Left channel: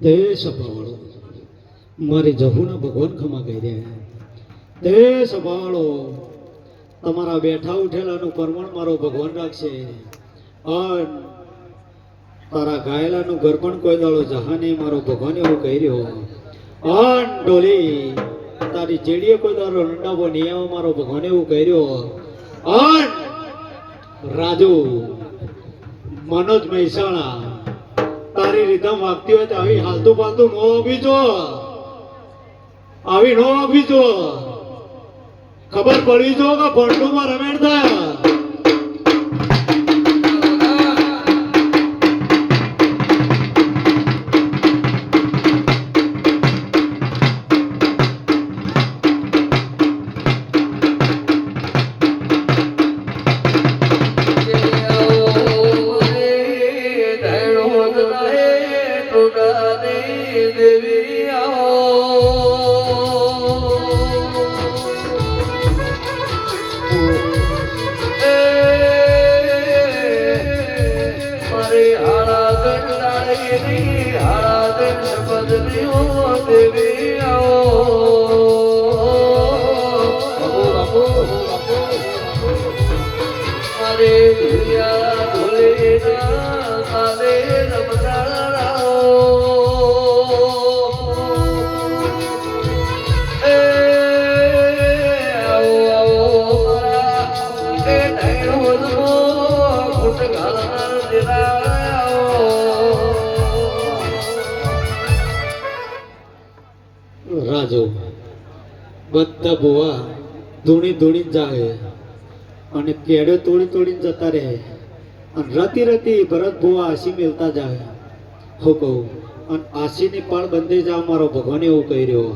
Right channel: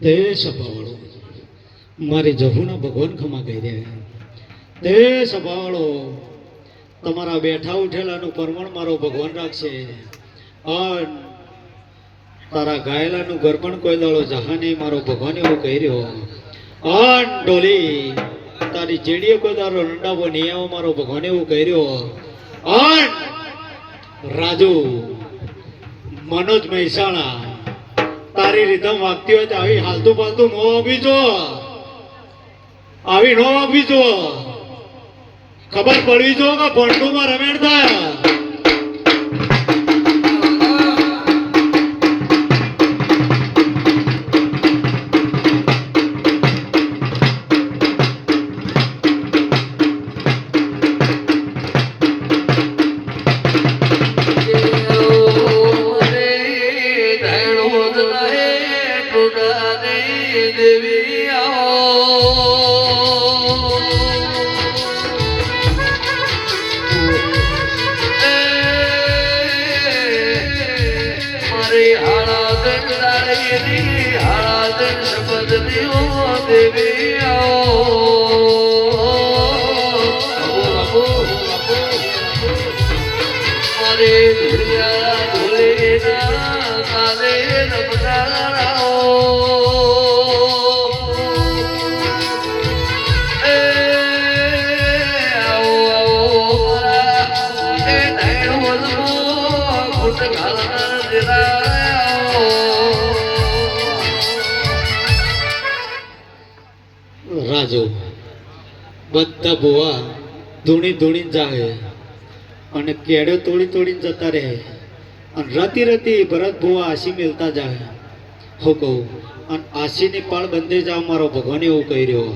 તે સભાવાળો મારી જહુના ભગવાન ખમા કહી રહ્યા તે સભાવાળો તમારા બેઠા ઉઠેલાનું પરમણ મારો ભગવાન રાખશે અને તારા ગાયેલાનું ગરબણ કોઈ દાડો જહાને મારો ભગવાન એવું કહી રહ્યો અન ડોલી તારી ચેડીએ કોઈ દાડો રંડાવો નિયાવો મારો ભગવાન એવું કહી રહ્યો અન રાજુ મનોજ મહેસાણા તારી રીધમ વાગતી હોય તો આવી હાલતું પાલતું નો વાગવી જો આવી નો વાગવી જો ખબર પડવી જો કે ભંડુમાં રમેડતા રાજુ બધા ભુવા ધૂણી ધૂણી જાય અને કેડે તોડી તોડીને જતા રહે અને રતી રતી ભરત ભુવા આશી મેલતા જાય હું કહું અને આશીની પાળ બંધે જા મારો ભગવાન એવું કહી રહ્યો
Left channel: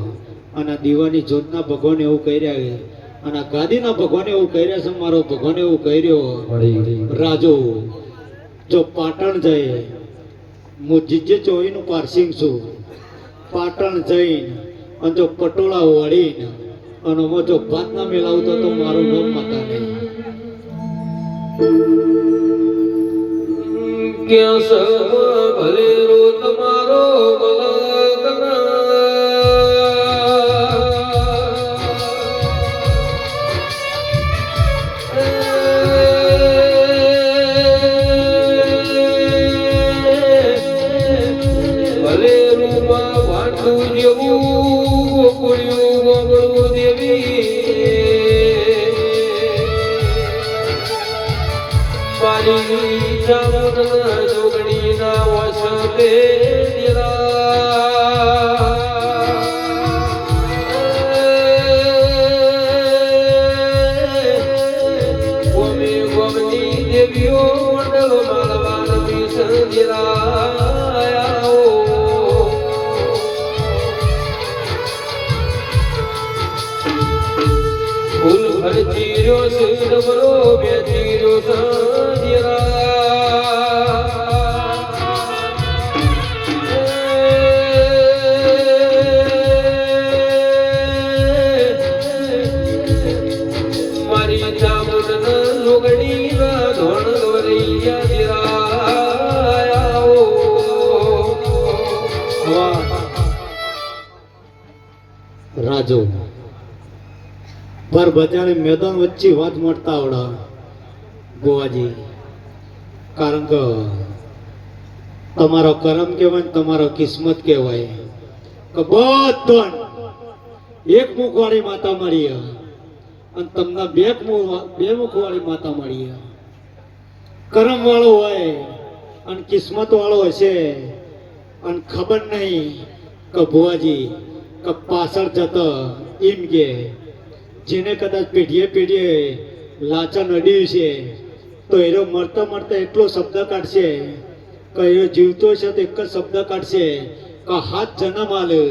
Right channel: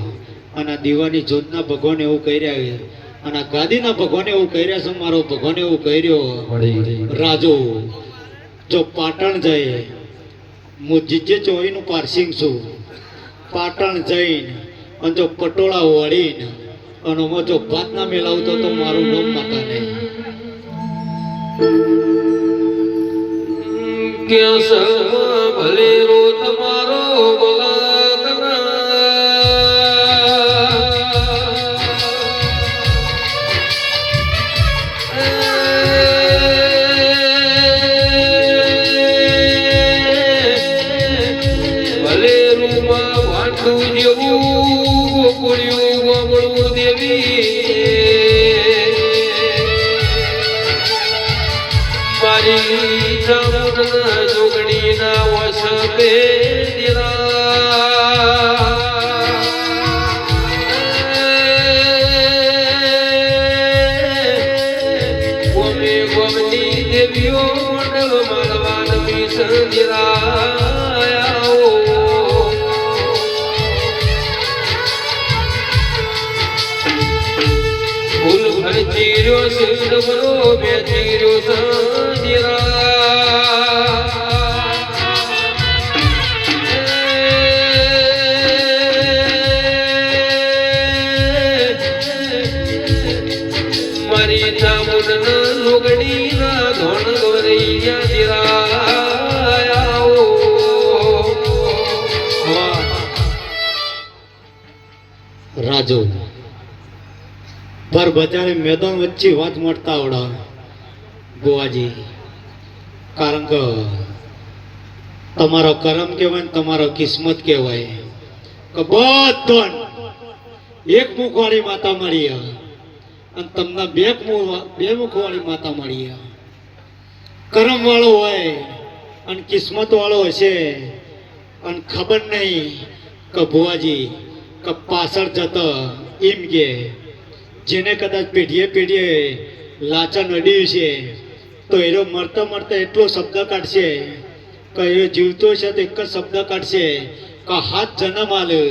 અને આ દીવાની જોતના ભગવાન એવું કહી રહ્યા અને આ ગાદીના ભગવાન એવું કહી રહ્યા છે મારો ભગવાન એવું કહી રહ્યો રાજુ જો પાટણ જાય હું જીજે ચોવીનું પારસિંગ છું પાટણ જઈને અને જો પટોળા વાળીને અને અમે જો ભાત ના મેલાવતો તો મારું નામ માતા નહીં ભલે રો તમારો ભલે રૂમાં વાંટું જેવું રાજુ પર બજારે મેદાન વચ્ચે વાત મળતા આવડા બુવાજી, કારણ કે તમારો કરમ કહેવાય ને તમારો કિસ્મત કહેવાય કે બધો એક મુખવાળી માતા મળી અને તમને બે મુખવાળી માતા મળી. કરમ વાળો હોય અને કિસ્મત વાળો હશે અને ખબર નહીં કે ભુવાજી કે પાછળ જતો એમ કે જેને કદાચ પેઢીએ લાચા નડ્યું છે તો એનો મરતા એટલો શબ્દ કાઢશે કે એ જીવતો છે તો એક જ શબ્દ કાઢશે કે હાથ જન્મ આલે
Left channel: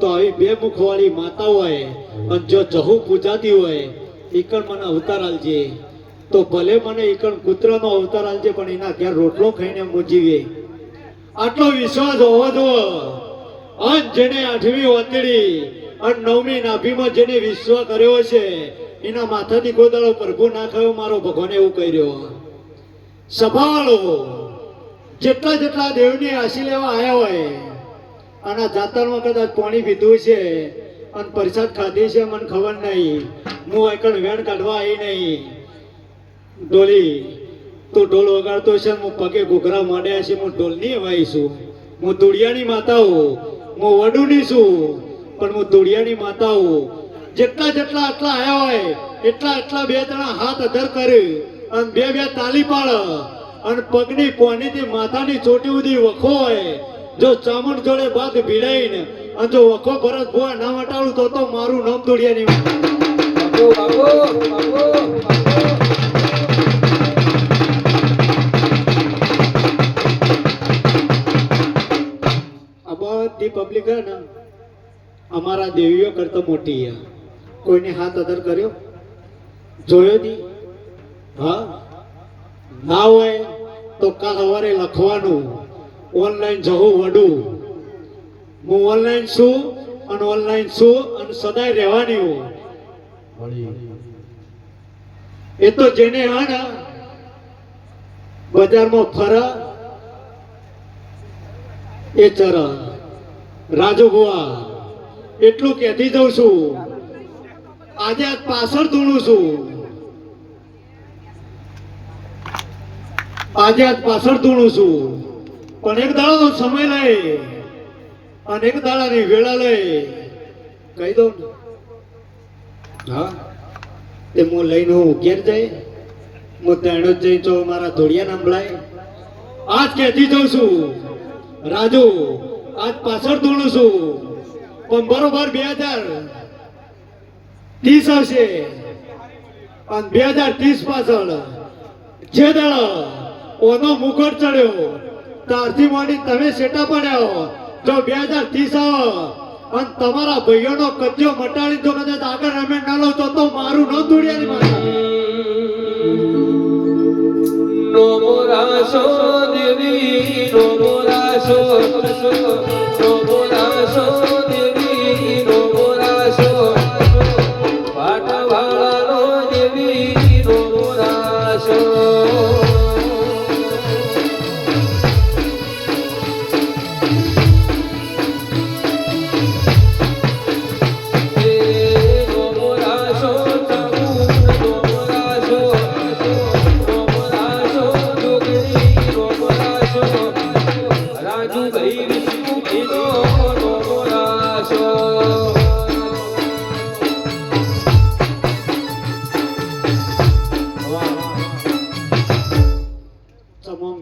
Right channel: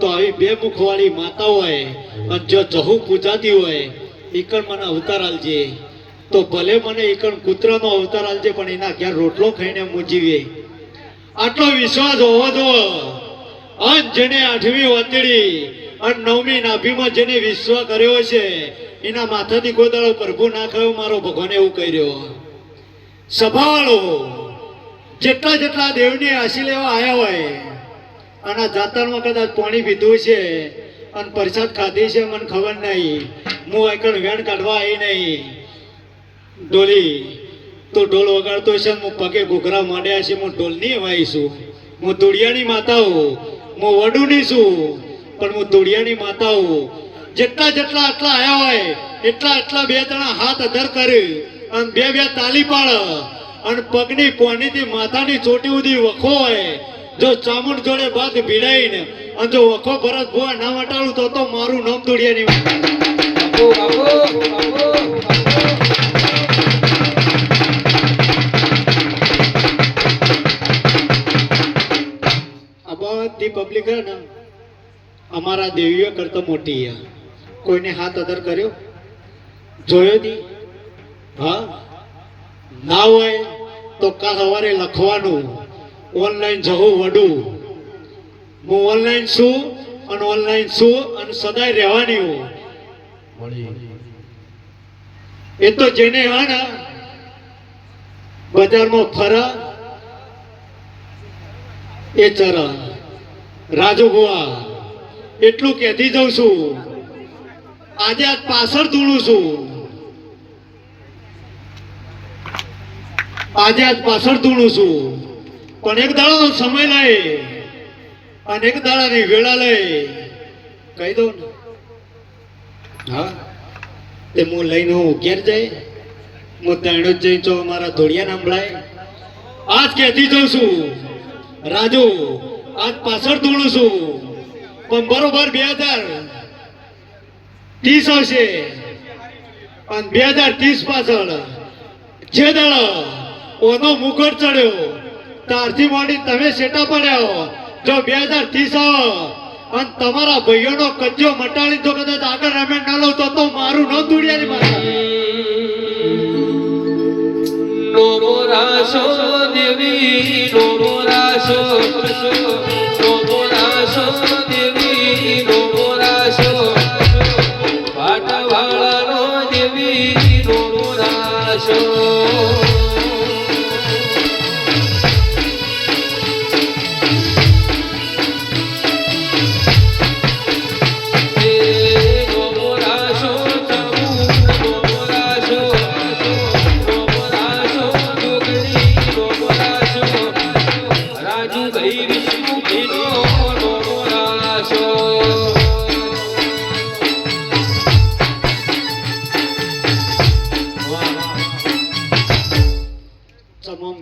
તો આવી બે મુખવાળી માતા હોય અને જો જહુ પૂજાતી હોય ઈકણ મને અવતાર આલજે, તો ભલે મને ઈકણ કૂતરાનો અવતાર આલજે પણ એના ઘેર રોટલો ખાઈને હું જીવે. આટલો વિશ્વાસ હોવો જો. અને જેને 8મી વાતડી અને 9મી નાભીમાં જેને વિશ્વાસ કર્યો છે એના માથાથી ગોદાળો પ્રભુ ના ખાયો, મારો ભગવાન એવું કર્યો. સંભાળો જેટલા દેવની આશી લેવા આવ્યા હોય આના જાતરમાં કદાચ પાણી પીધું છે અને પ્રસાદ ખાધી છે મને ખબર નહીં, હું એકણ વેણ કાઢવા આવી નહીં. ડોલી તું ઢોલ વગાડતો છે, હું પગે ઘૂઘરા માંડ્યા છે, હું ઢોલની વાઈ છું. હું ધૂળિયાની માતા હું વડુની છું પણ હું ધૂળિયાની માતા હું. જેટલા આટલા આવ્યા હોય એટલા બે જણા હાથ અધર કરે અને બે તાલી પાડે અને પગની પોનીથી માથાની ચોટી સુધી વખો હોય. જો ચામુંડ જોડે બાદ ભીડાઈને અને જો વખો ભરત ભોય ના વટાડું તો મારું નામ ધૂળિયાની માતા. બધી પબ્લિક હે ને અમારા દેવીઓ કરતા મોટી હે. કોઈને હાથ અધર કર્યો જોયો દી? હા ના હોય તો કાલ સવારે લખવાનું ઓનલાઈન જવું વડું. હું ઓનલાઈન છું અને સદાય રહેવાની હું. એ તો જેને હા ને બજારમાં ફરા એ ચરણ રાજુ ભુવા એટલું કહેતી જઉં છું. આજે આજ પાછળ ધૂણું છું, પણ એક દાડાનો સમય લઈ અને એક દાડાની વેળા લઈ કહી દઉં ને. હા તે હું લઈને હું ઘેર જાય, હું ત્યાં જ જઈ તો મારા ધોળિયા નાંભળાય. આજ કહેતી જઉં છું રાજુ, આજ પાછળ ધૂણું છું પણ બરોબર 2030 આવશે અને 2030 પાછળ જે દાડો ઓનો મુકટ ચડ્યો ત્યારથી માંડી તમે સેટા પડ્યા. જો 2030 આવો અને તમારા ભાઈઓનો કજ્જો મટાડી તો કદાચ આગળ રમે ના લો તો મારું ન ધૂળિયાની માતા. નો મોરાશો દેવી, નો મોરાશો, નો મોરાશો દેવી, નો મોરાશો પાટવાળાનો દેવી, નો મોરાશો.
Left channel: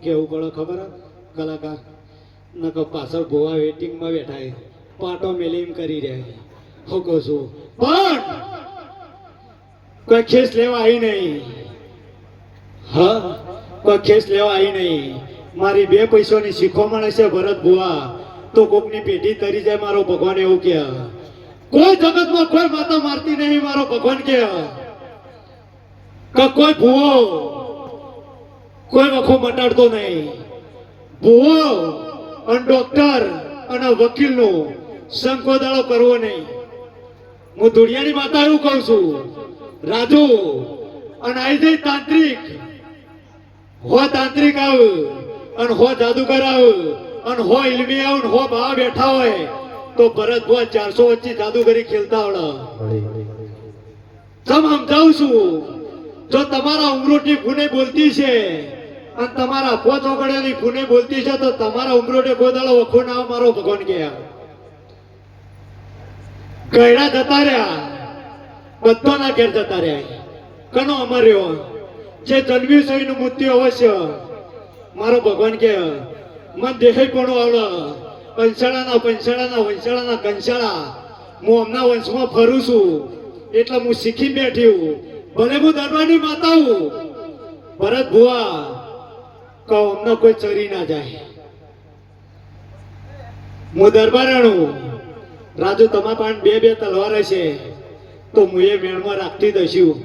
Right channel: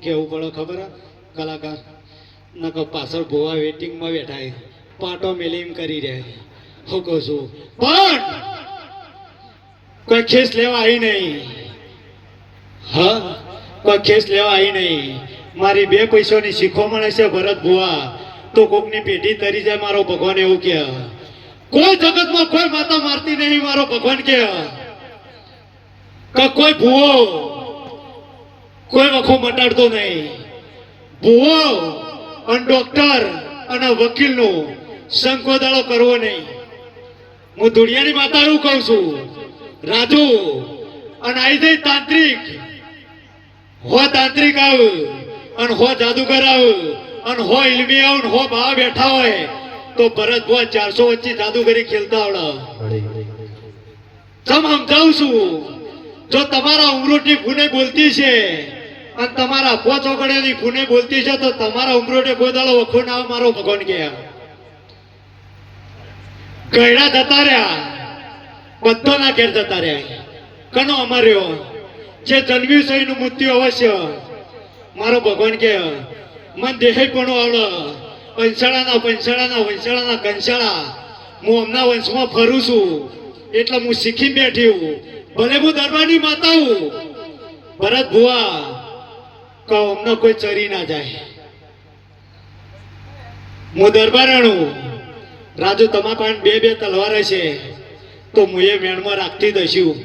કેવું પડે ખબર કલાકાર નકો પાછળ ભોવા વેટિંગમાં બેઠા પાટો મેલી એમ કરી રહ્યા હું કહું છું પણ કોઈ ખેસ લેવા આવી નહીં. હા કોઈ ખેસ લેવા આવી નહીં. મારી 2 પૈસાની શીખવામણ છે ભરત ભુવા તો કોકની પેઢી તરી જાય. મારો ભગવાન એવું કે કોઈ જગતમાં કોઈ માતા મારતી નહીં. મારો ભગવાન કે કોઈ ભૂવો કોઈ વખો મટાડતો નહીં. ભૂવો અને ડોક્ટર અને વકીલનો સંકોદાળો કરવો નહીં. હું ધૂળિયાની માતા એવું કહું છું રાજુ. અને આવી જઈ તાંત્રિક આવ અને હો જાદુગર આવ અને હો ઇલમી આવ ને હો બા બેઠા હોય તો ભરત ભુવા 400 વચ્ચે જાદુગરી ખેલતા આવડે. તમ સમજાવું છું, જો તમારા ઉમરોટી ફૂને બોલતી છે અને તમારા અફવા ચોકડીઓની ફૂને બોલતી છે તો તમારા ઉમરોટે કોઈ દાડો વખો ના આવે મારો ભગવાન કે ગયડા જતા રહ્યા, બધાના ઘેર જતા રહ્યા. કનો અમાર્યો જે જન્મ્યું છે એનું મૃત્યુ અવશ્ય. મારો ભગવાન કે મન દેહે પણ આવડે, પંચાળાના કંસાળા હું હમણાં વંશમાં ફરું છું એટલે હું શીખી બેઠી હું. ભલે હું દરબારની માતા હું. ભરત ભુવા કહો અમને કોઈ ચરી ના જાય. હું દરબારાણું. રાજુ તમારા પાસે બે તલવાર છે તો હું એ મેળમાં રાખતી દઈશું.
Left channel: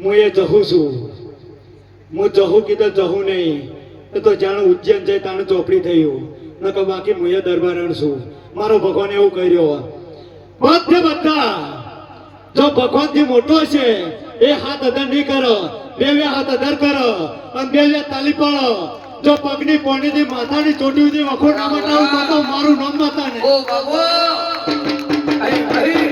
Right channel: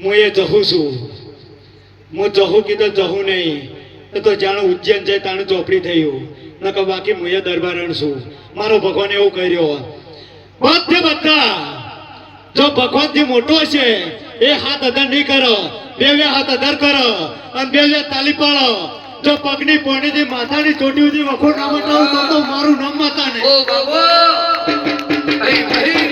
હું એ જહું છું. હું જહું કીધું જહું નહીં એ તો જાણે ઉજ્જૈન જાય તાણે ચોપડી થયું. નકર બાકી હું એ દરબારણ છું. મારો ભગવાન એવું કર્યો. બધા જો ભગવાનથી મોટો છે એ હાથ અધર નહીં કરો, બે હાથ અધર કરો અને બે તાલી પાડો. જો પગની પોણીથી માથાની ચોટી સુધી વખો ના બતાવું તો મારું નામ માતા ને. ઓ બાબા અહીં અહીં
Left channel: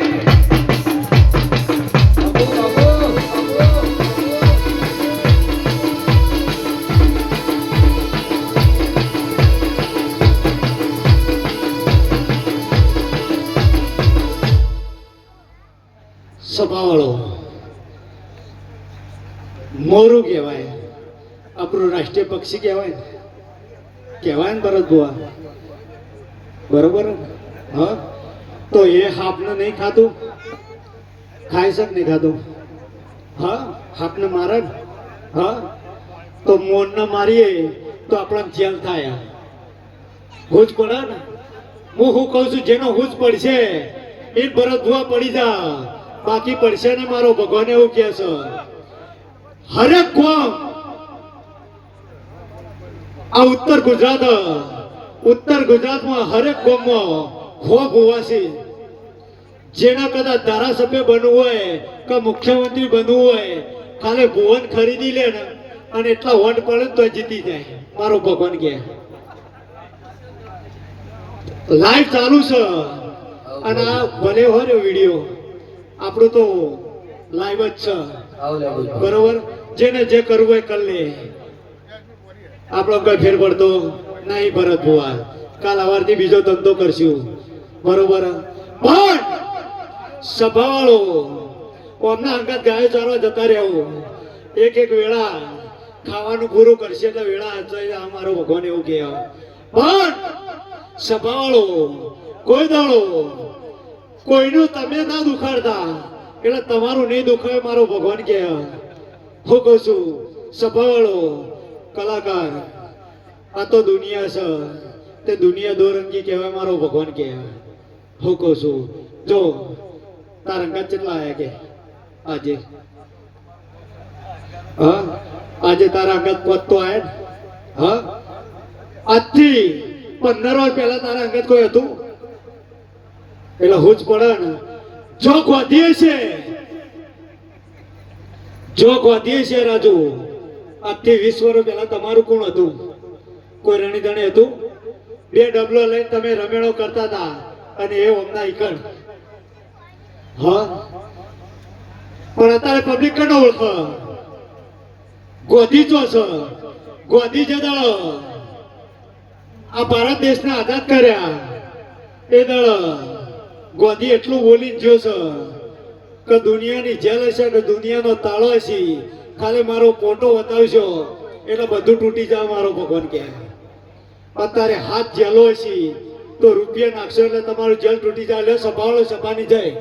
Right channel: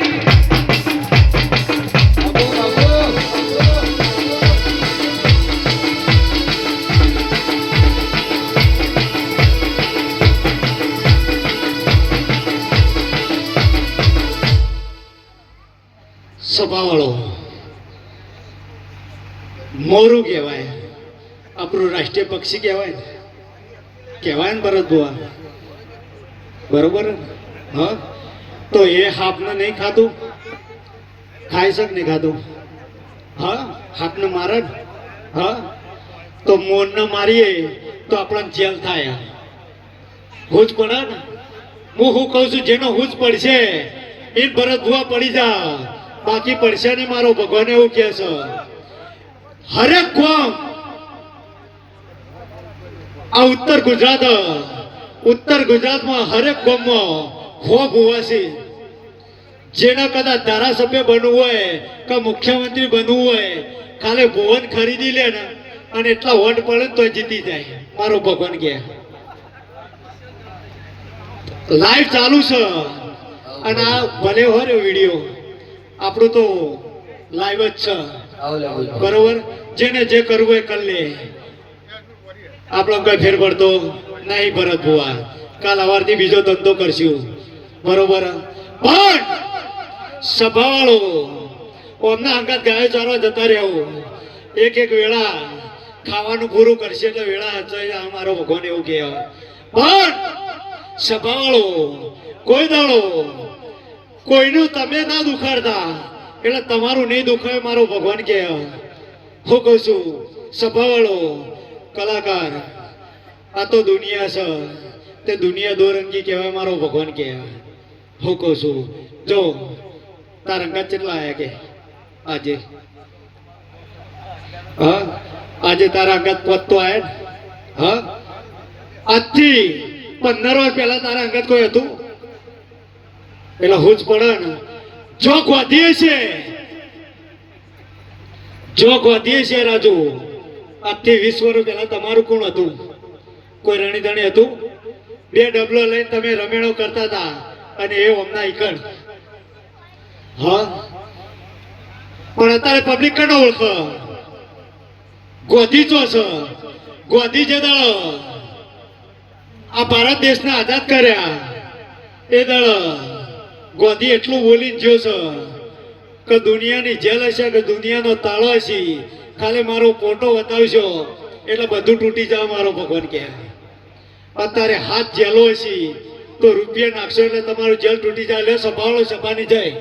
સભાવાળો મોરું કહેવાય, આપણું રાષ્ટ્રીય પક્ષી કહેવાય ને ભરત ભુવા, બરોબર ને? હા, તો એ હાપને નહીં ખાતું, ખાય છે કે નહીં ખાતું? હા, હાપને મારે ને? હા, તો મોરને મારીએ તો આપણને જેલ થાય. હુજ પડે ને? હું કહું છું જેનો હુજ પડશે એ ભરત ભુવા પડી જા, બાકી પડશે ને. મારો ભગવાન એવું કહે છે હરેક ગામ આ ઉત્તર ગુજરાતમાં હરેક ગામમાં ખોફ હોવાથી જેના કદાચ ધારાસભ્ય બનવું હોય કે મુખ્યમંત્રી બનવું હોય, ખાલી ભુવન ખરીદી લે ને અને એટલા વોટ પડે તો જીતી જાય. મારો ભગવાન કે લાઈવ ચાલુ છે અને આ ભલે હોય વિડીયો આપણું તો લાઈવ જ છે, બરોબર? જેને જે કરવું હોય કરી લે. આપણો કઈ ફેર પડતો નહીં ભરત ભુવા. કાલ સવારથી બીજો ધંધો કરશું, બરોબર? પણ સભાવાળો ઓમના અંગાત ગાયો ચારવા જતા રહેવું. એક વેળા ખાવાનું પૂરું કરશે એટલે વેળા હચાઈ મારો ભગવાન એવું કહે. પણ સભાવાળો કોઈ દાડો કોઈનું તમે ના દુખાડતા એટલે તમારું નહીં દુખાય. મારો ભગવાન કે હું કહું છું સભાવાળો કલાકાર આ તો દુનિયા છે તે દુનિયા દોરંગી કહેવાય. મારો ભગવાન કે હું કહું છું જો તારા અંગાત કેટલા આવ્યા કે આજે? હા, આજે તારા અંગાત પત્તો આવ્યા ને? હા, આજથી 15 વર્ષ પહેલા તારા અંગાત કોઈ હતું? એટલે હું જ પડે ને. જો ગોધીએ છે રાજુ, આજથી 20 વર્ષ પહેલા તમારું કોણ હતું? કોઈ રાણી ધણી હતું? 2 ડબલો લઈને તમે રમેણો કરતા હતા અને એ હમણાં ઈકણ. હા, પણ અત્યારે પબ્લિક કનો ઓળખે? ગોધી ચો છે. ગોધી જે દાડો આ ભારત દેશને આઝાદ કર્યા એ દાડો ગોધી એટલું બોલી જ્યો છે કે દુનિયાની જેલ હશે કે દુનિયાનો તાળો હશે, ખાલી મારો ફોટો બતાવશો એટલે બધું તૂટી જાય. મારો ભગવાન કે અત્યારે હાથ જેલો હશે તો રૂપિયા નાખશો એટલે તમારું જેલ તૂટી જાય. લે સભાવાળો સભાની જાય.